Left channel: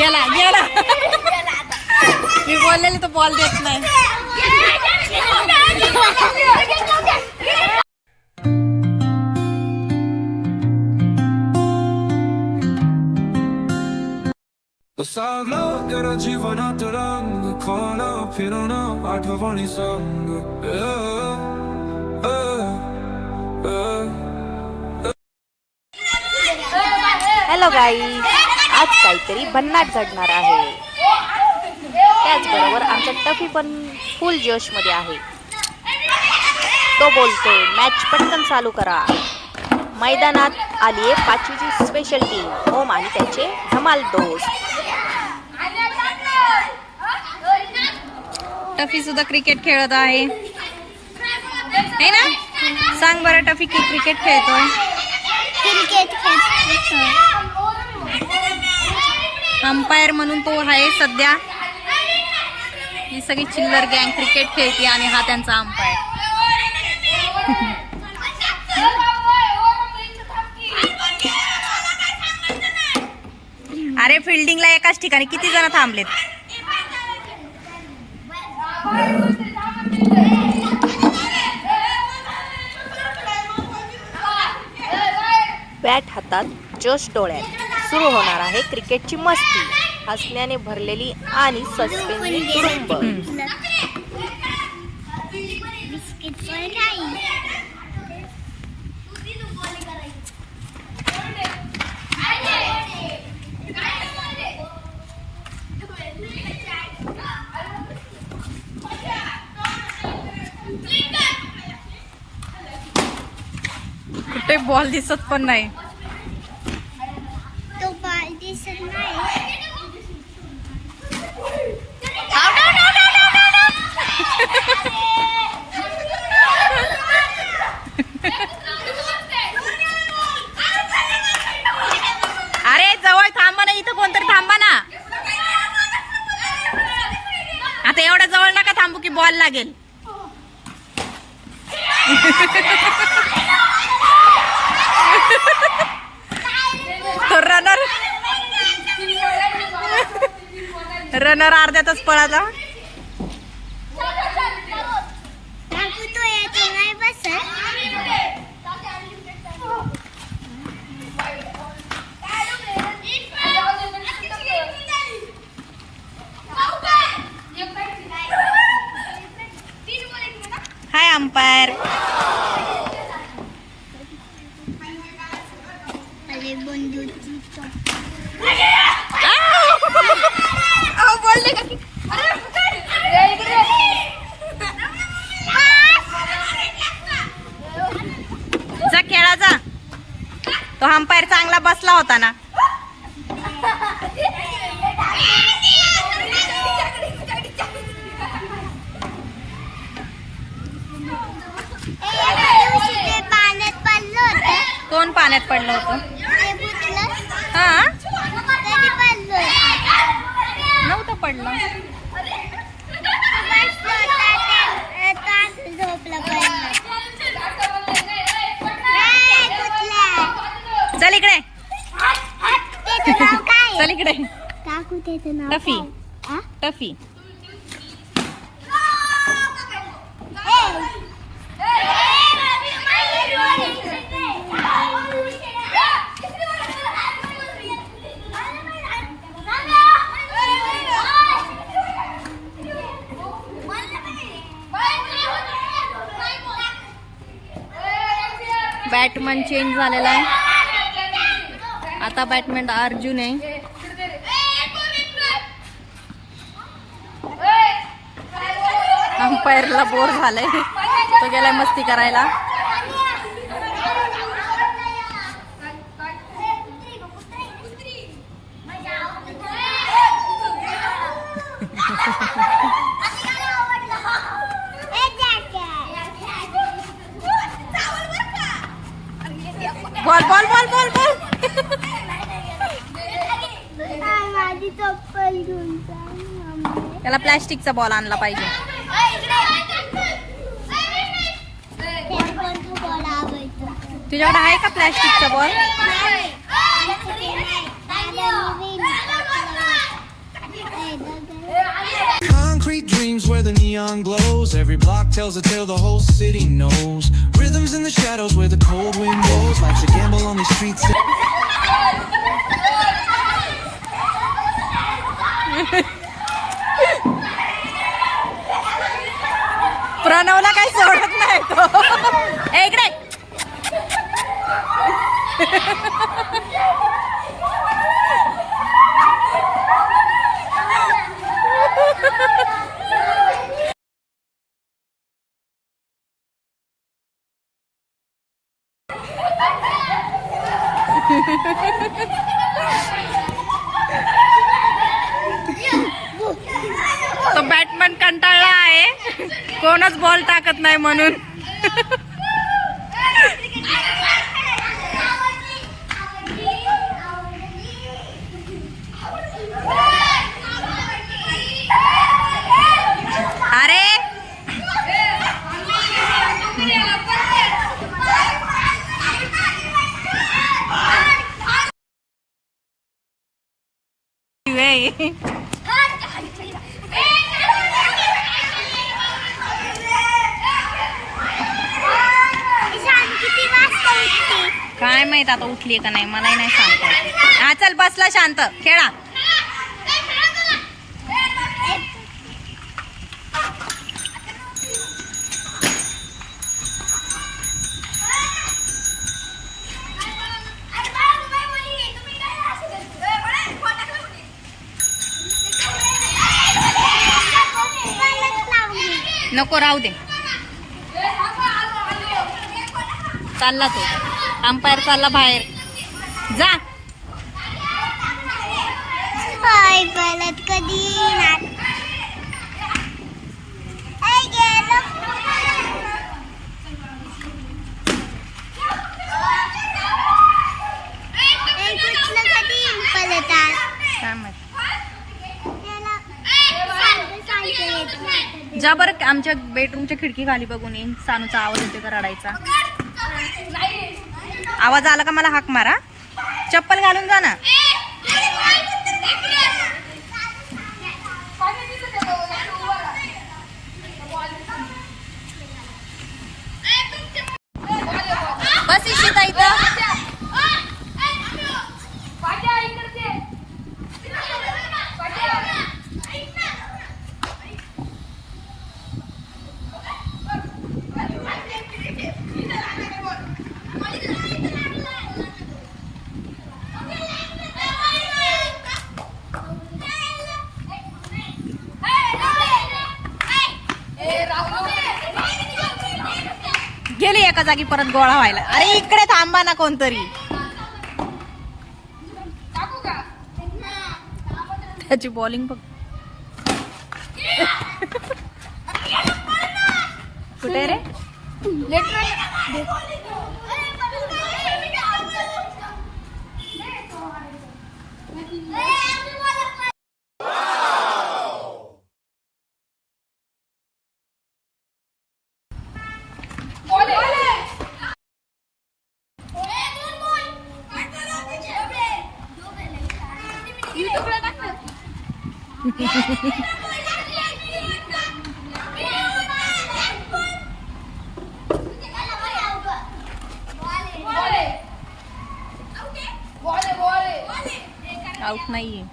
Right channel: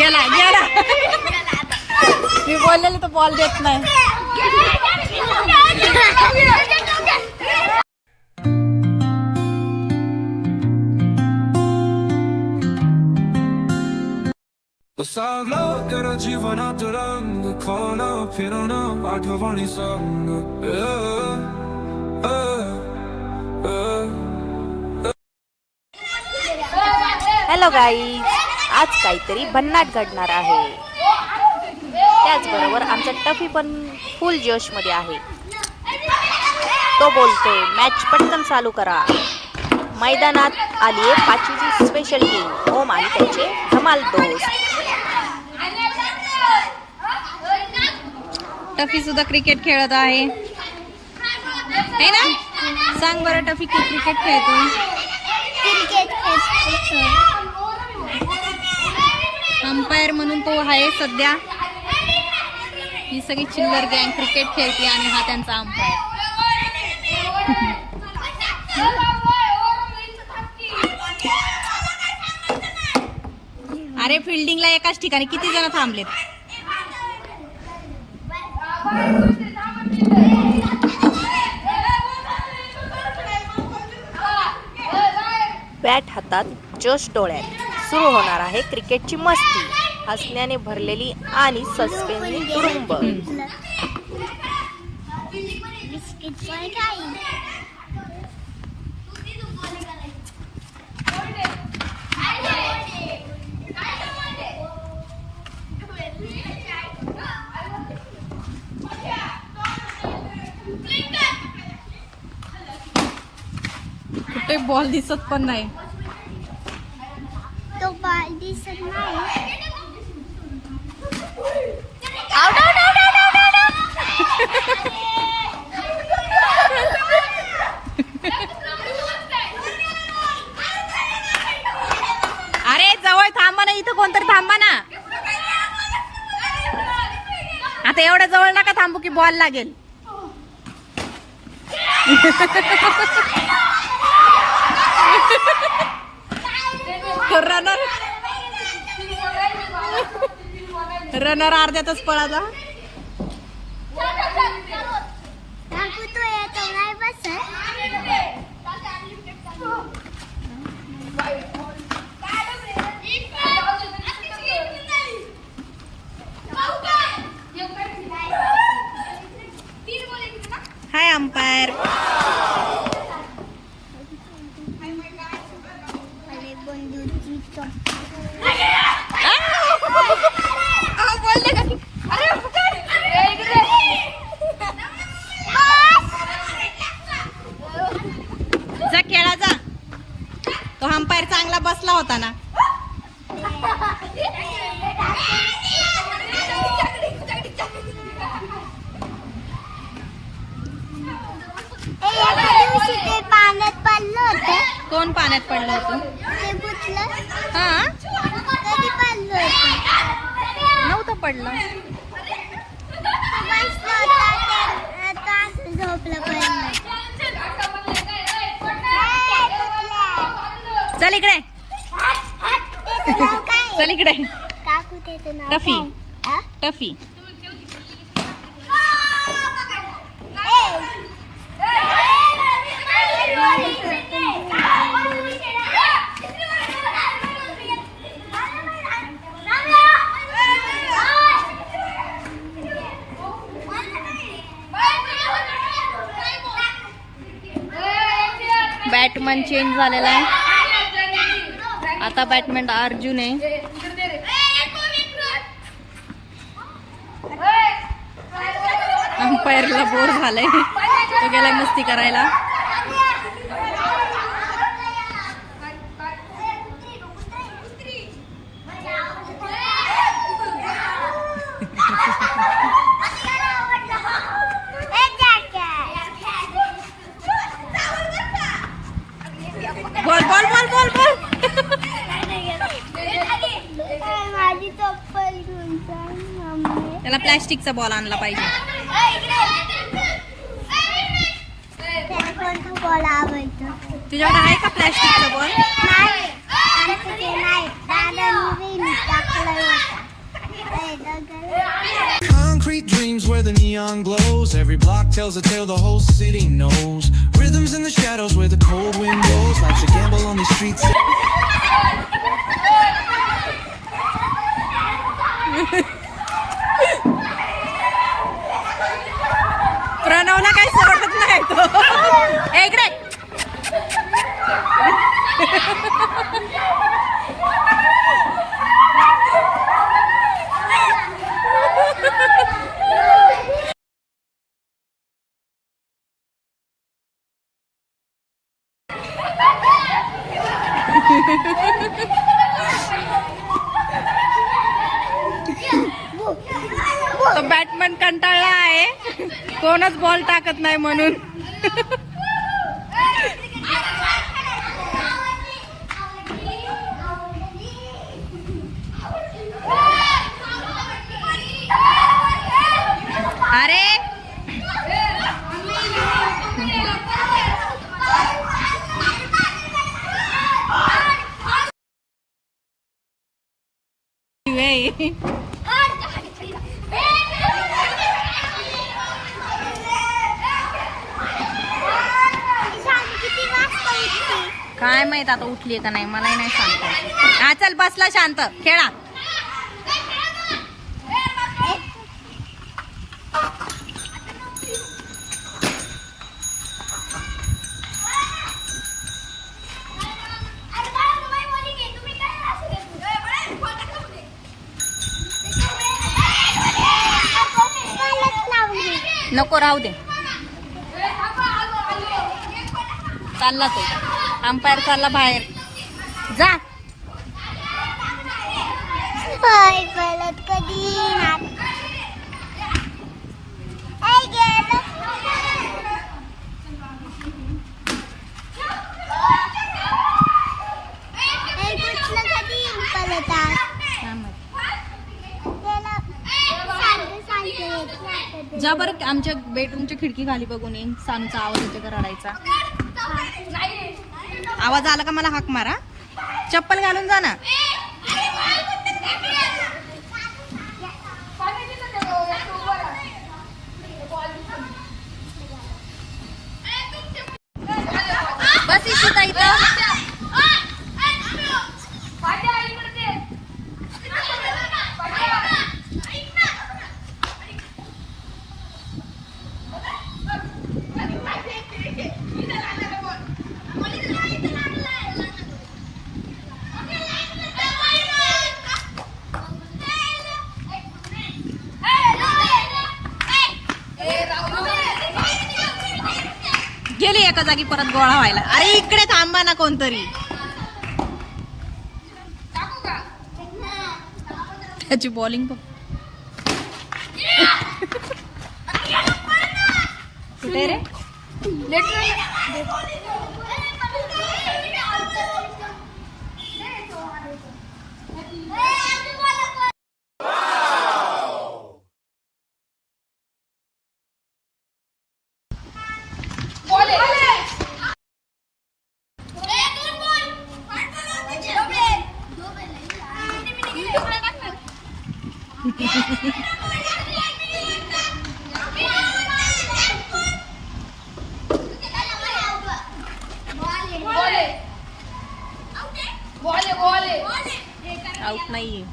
गेला गेला मी बोललेली तो बॉल देत नाही सावलं गेलं जीवनात रंग खोलं फिरणं आठवणी संग अ, अ, अ. हॅलो गाईज आज काहीतरी भन्नाट घडणार आहे. त्याचबरोबर आमचा टफी पण फुल जोशमध्ये आहे. तो बोलतोय मॅच पटकन चालू करा. मैदानात आली आहे पाचवीची स्पेशल टीम ओम आणि त्याचे धमाल दोस्त. टफी सुद्धा क्रिकेट खेळत आहे. है ना? सांग बरं टफी की क्रिकेट खेळतोय. क्रिकेट खेळतो अंपायर म्हणून तो आहे सध्या. ही सगळी चिल्लर गँग क्रिकेट खेळते आणि हा त्यांचा अंपायर. अरे फिल्डिंगला एकाच ठिकाणी किती जण थांबलेत? बॅट हातात जोश डोळ्यात. सुरू होणार आहे क्रिकेटची मस्ती. हसण्याने भरलेली आणि सस्पेन्सने तुडुंब कुठे बॉल दिसत पण नाही. दिसत नाही out out out out out out अरे जवळ थांबा ना इथं कोणतरी थांबा ना. आता एवढ्या जवळ नका थांबू की बॉल लागेल. रनर अर्ध्यातच पळाला काकू तो येतो नाही बस हाय अंपायर अरे बंधूची जा खेळा जा तो अंपायर चांगला बसला होता ना एका दिवशी ते पाण्यात पडलं होतं कोण पाण्यात पडलं होतं हा नव्हतं पडलं. चल इकडे? चल इकडे टफी. हा? टफी बॅटमन चेंज झालेला आहे. आता बॅटमॅन अर्जुन आहे. अंपायरला बोर झालाय. तो गेलाय मस्ती करायला. चप्पल घेऊन त्याला प्लॅस्टिकचा बॉल आणला पाहिजे तुझ्याकडे आहे का प्लॅस्टिकचा ball Concrete dreams where the neon glows. Every block tells a tale the whole city knows. Rhythms in the shadows where the cold wind blows. Life's a gamble on these streets. प्रणवला काही सोडत नाही तो ए, इकडे तो Batman कंटाळला आहे. कोणच ball टाकत नाही म्हणून. अरे! काय माहीत आता उठली का नाही मलाही नाही सांगता हा चल बसला शांत. खेळा. नको राहू दे. चालला तो. अंपायर चालला बाहेर. जा. गलत कधी येणार. जा बरं आमच्या बेडरूमच्या खिडकी खाली बघून येईन सानूचा आवाज येते का रडायचा? आवाज आला का मला हाक मारा? चप्पल घालून जा ना. जागी परत गोळा व्हायला. अरे इकडे थांबा ना कोणतरी. त्याची बॉलिंग बघ. कुठे रे? आऊट नाहीये.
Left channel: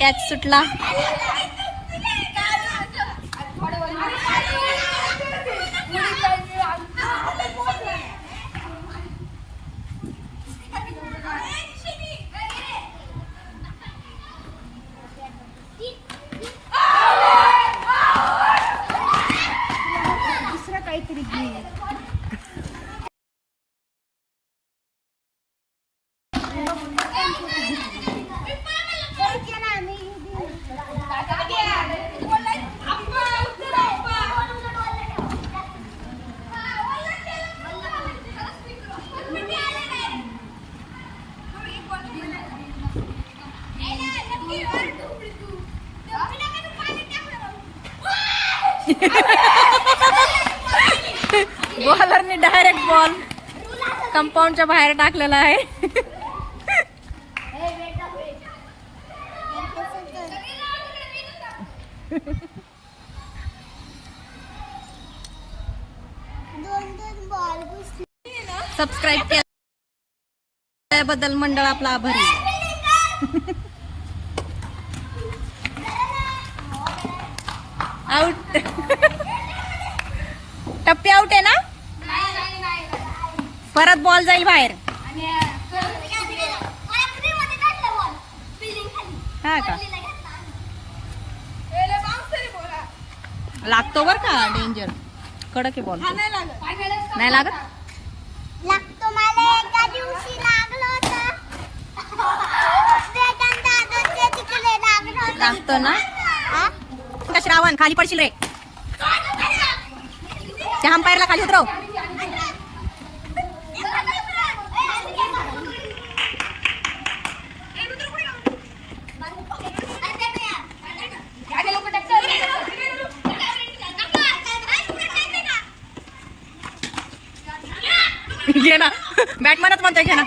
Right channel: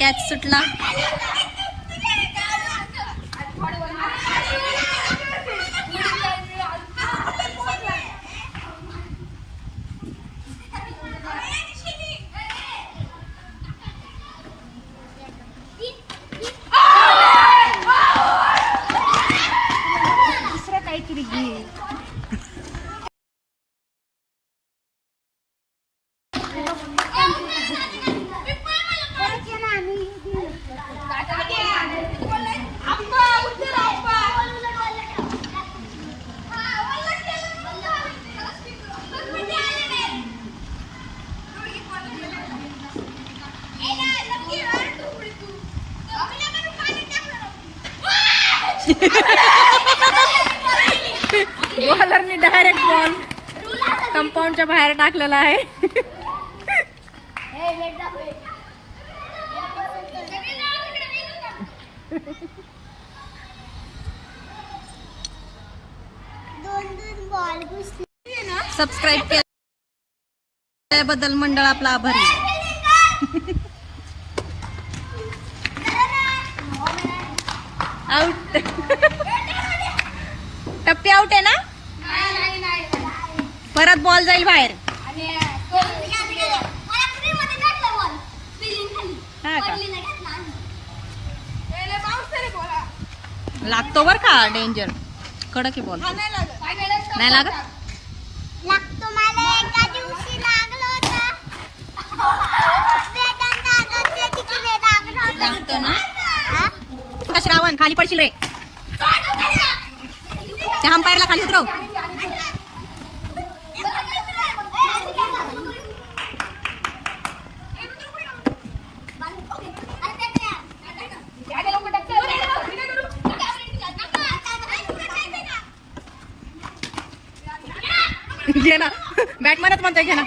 कॅच सुटला. बॉलरने डायरेक्ट बॉल कंपाऊंडच्या बाहेर टाकलेला आहे. सबस्क्राईब केल्याबद्दल मंडळ आपला आभारी आउट टप्पी आउट आहे ना? परत बॉल जाईल बाहेर. हा का? लागतो बर का? डेंजर कडक आहे बॉल नाही लागत? लागतो ना? का श्रावण? खाली पडशील रे. त्या अंपायरला खाली उतरव. घे ना. बॅटमॅनच म्हणतोय घे ना.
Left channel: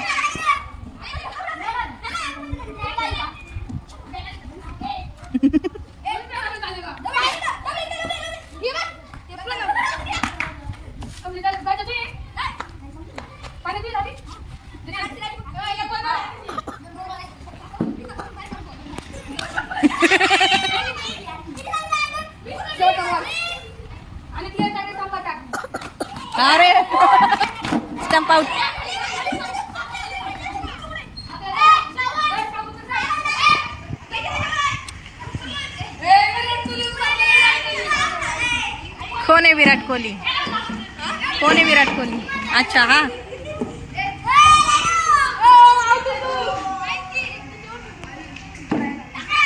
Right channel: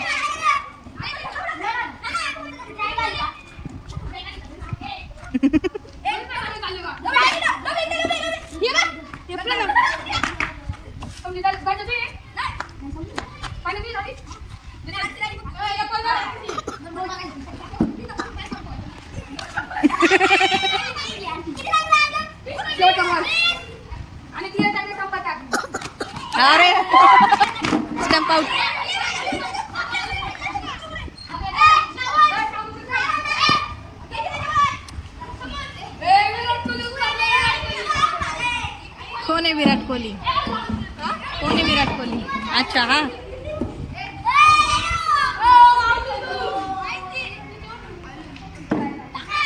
कोण आहे विराट कोहली? अच्छा हा.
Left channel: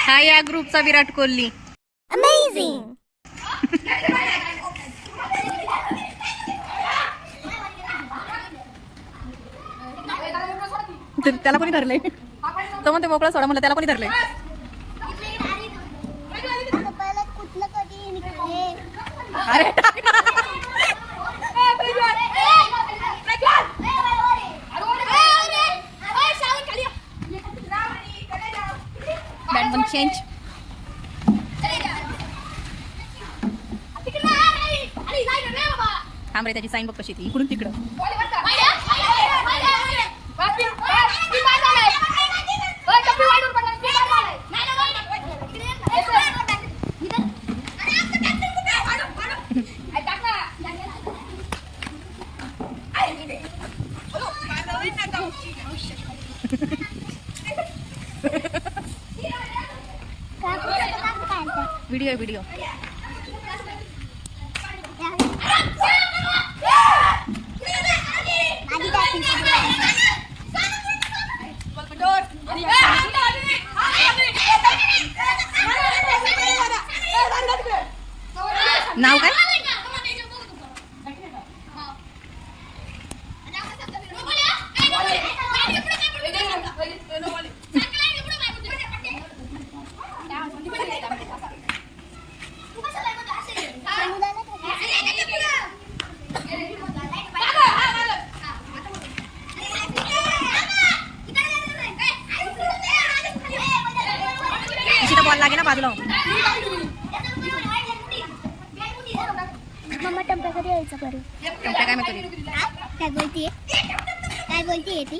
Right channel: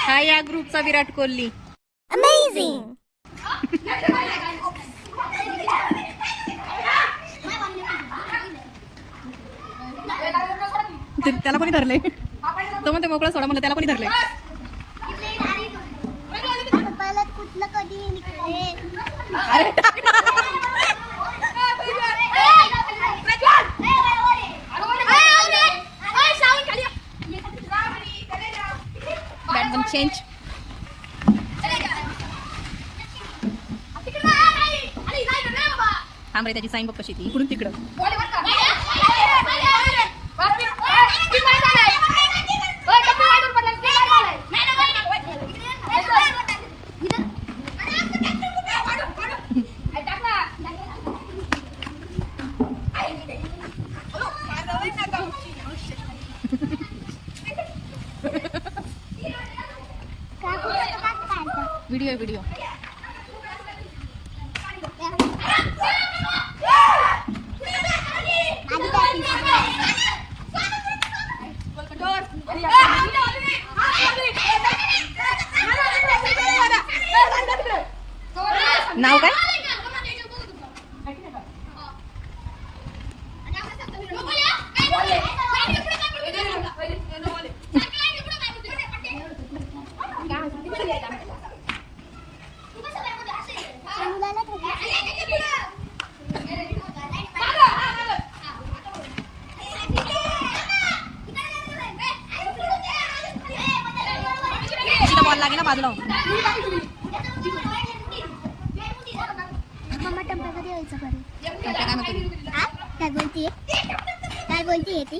हा या ग्रुपचा विराट कोहली. त्याला कोणी धरलंय? तो म्हणतो मोकळं सोडा म्हणलं त्याला कोणी निघते अरे बॅट पण चेंज थांब रे त्याची साईन बघ कशी ती इकडून तिकडं नाव काय अशी तर बॉल लागे ना बाजूला मम्मा टप्प्या कधी यायचं बरं टंप्या काय म्हणतो हा? काय बोलतीये काय बोलतीये ती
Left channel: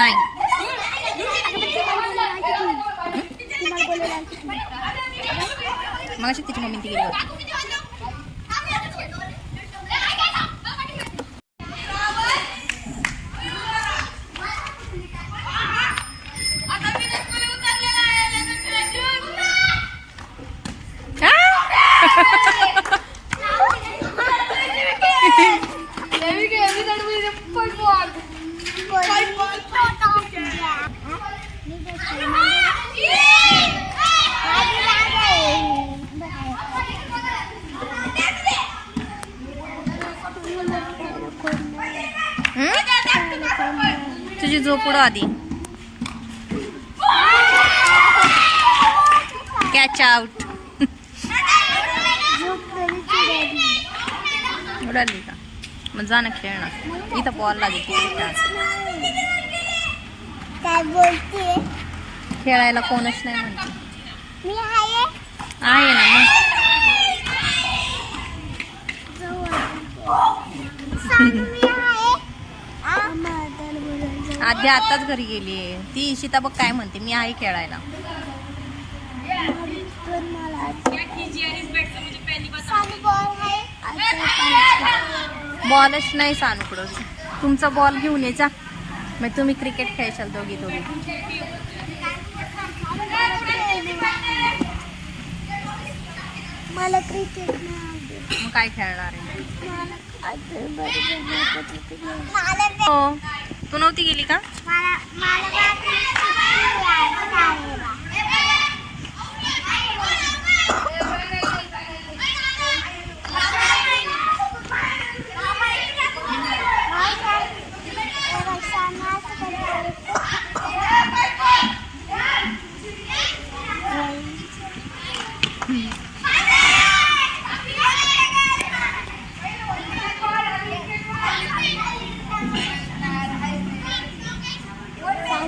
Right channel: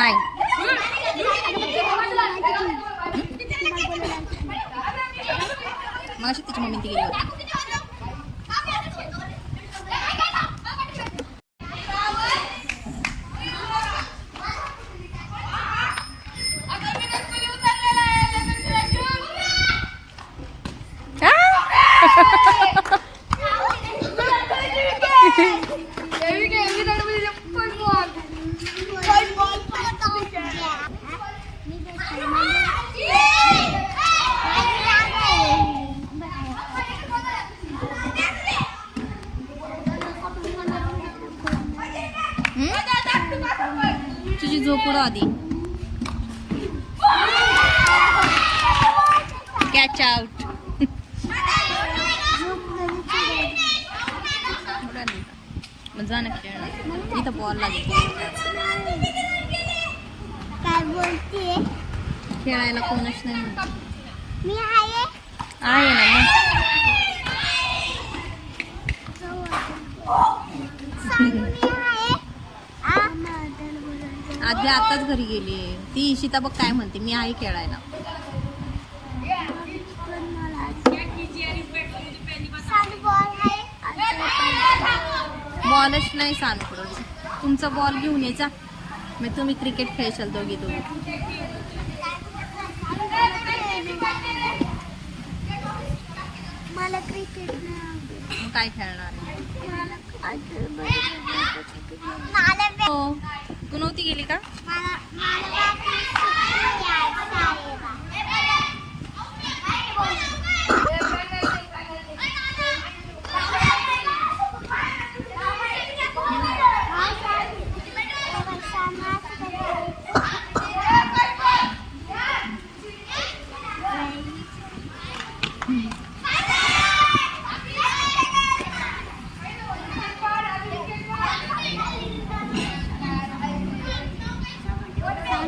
नाही मग तिची मम्मी ती उडाली का? मग जा ना खेळणार. इथं बॉल लागेल खेळायला. कोणच नाही म्हणते. आहे. ना मग. आधी आताच घरी गेली ती इशिता बघ काय म्हणते. मी आहे खेळायला पण मला सांग बॉल आहे बॉलच नाही सानूकडं तुमचा बॉल घेऊन यायचा मग तुम्ही क्रिकेट खेळशाल दोघी दोघी. मला क्रिकेट नाही आवडत. मग काय खेळणार आहे? हो. तू नव्हती गेली का? मला मला काय आउट कोलकाता काय खेळायचं सांग काय खेळायचं कोलकात्याचे बॅटमॅन आहे सांग काय खेळायचं सांग सांग काय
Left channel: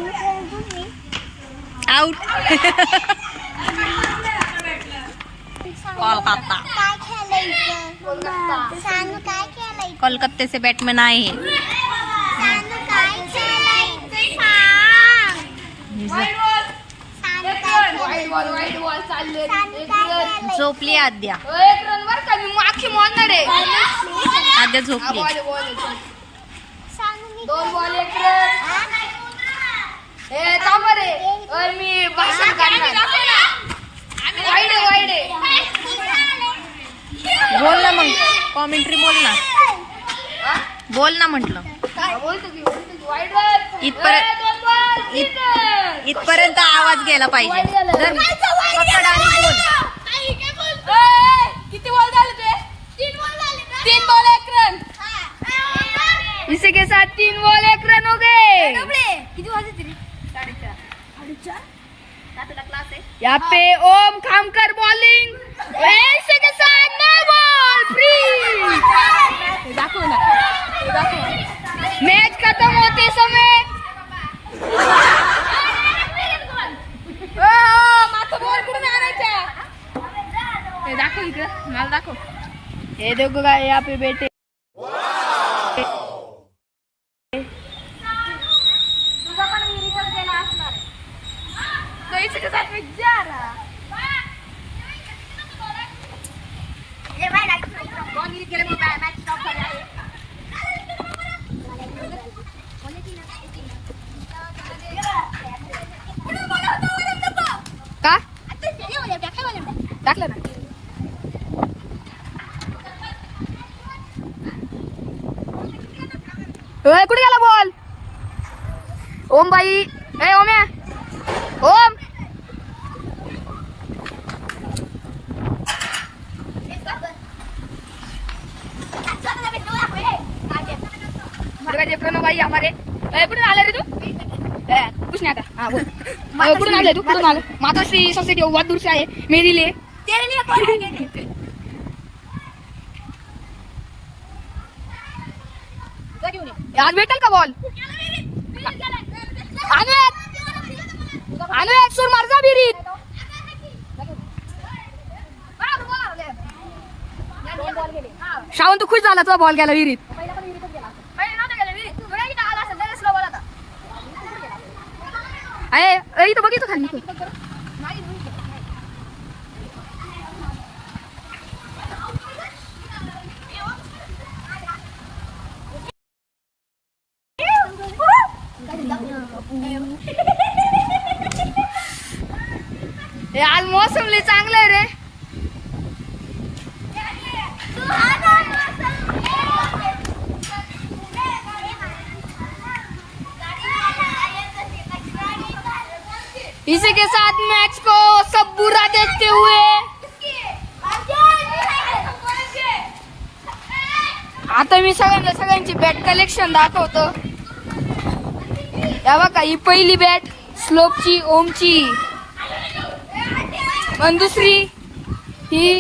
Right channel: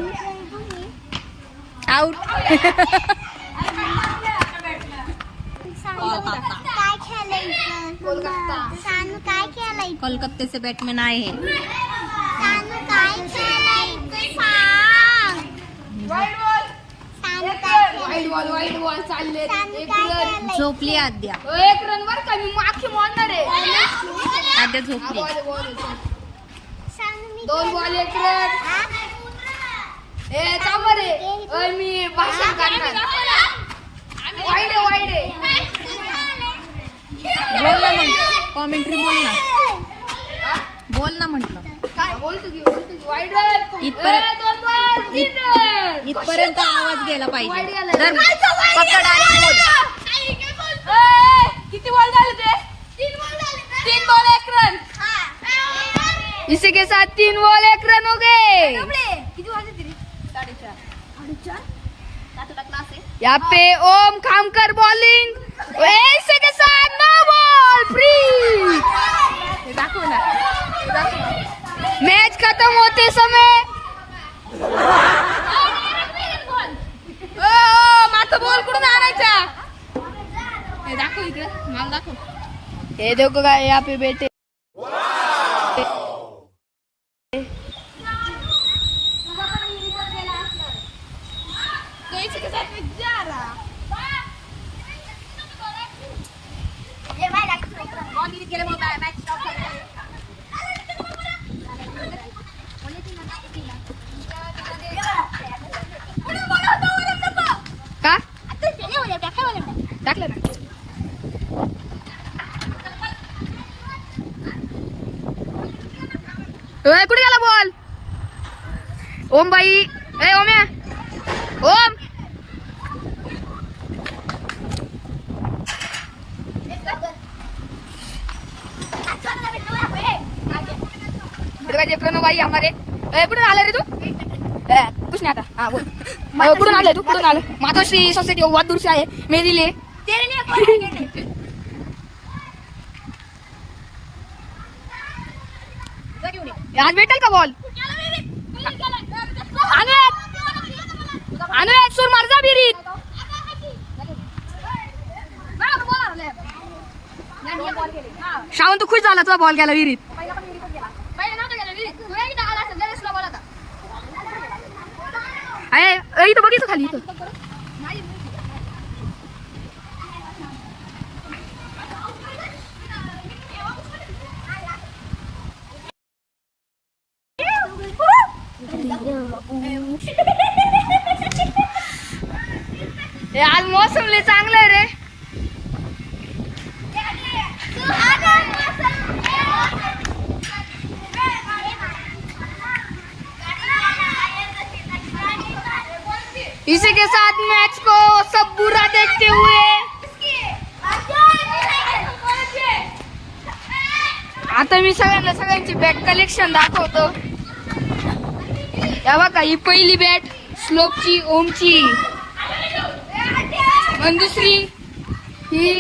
खेळायचं सांग काय खेळायचं झोपली आद्या एक रन वर का मी माखी मारणार आहे आद्या. झोपली. सांग मी दोन बॉल एक रन? ए थांब रे ओय, मी भाषण करणार. वाईडे वाईडे बोल ना मग. कॉमेंट्री बोल ना. बोल ना म्हटलं. काय बोलतो की? बोलतो की? वाईडे इथपर्यंत- इत-. इथपर्यंत आवाज गेला पाहिजे. जर पकड आणि बोल. ए, किती बॉल झाले ते? तीन बॉल झाले तीन बॉल एक रन इसी के साथ तीन बॉल एक रन हो गए. यहाँ पे ओम खामकर बॉलिंग ऐसे के साथ नो बॉल फ्री मैच खत्म होते समय। इकडं मला दाखव हे देखो का यहाँ पे बेटे बाई हमारे ए, कुठून आला रे तू? कुछ नहीं आता. हाँ बोल. कुठून आले तू? कुठून आले मातोश्री सोसायटी बहुत दूर से आए मेरी लिए तेरे लिए कौन आज भेटेल का बॉल आणू एक सूर मारजा विहिरीत श्रावण तू खुश झाला तुझा बॉल गेला विहिरीत आहे अरे, इथं बघितलं खाली इथं. ए, आज मौसम लय चांगलं आहे रे इसी के साथ मैच को सब करते हुए आता मी सगळ्यांना सगळ्यांची बॅट कलेक्शन दाखवतो. या बघा ही पहिली बॅट स्लोपची ओमची. आणि दुसरी ही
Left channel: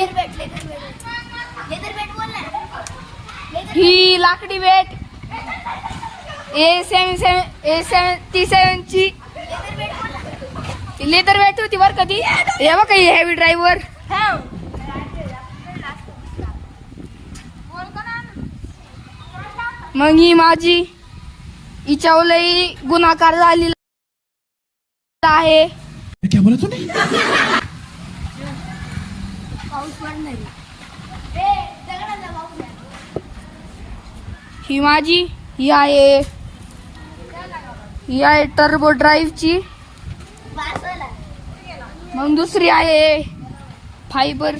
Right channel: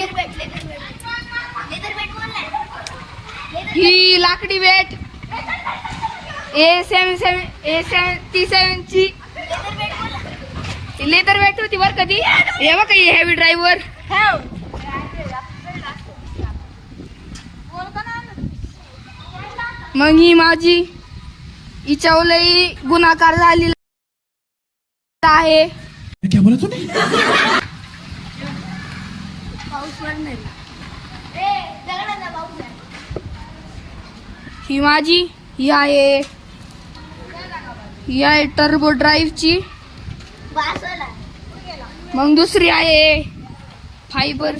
ही लाकडी bat A seven seven A सेवन ती सेवनची लेदर बॅट होती बरं का ती. हे बघा ही हेवी ड्रायव्हर मग ही माझी हिच्यावरही गुन्हाकार झालेला आहे. ही माझी ही आहे ही आहे टर्बो ड्राईव्हची मग दुसरी आहे फायबर.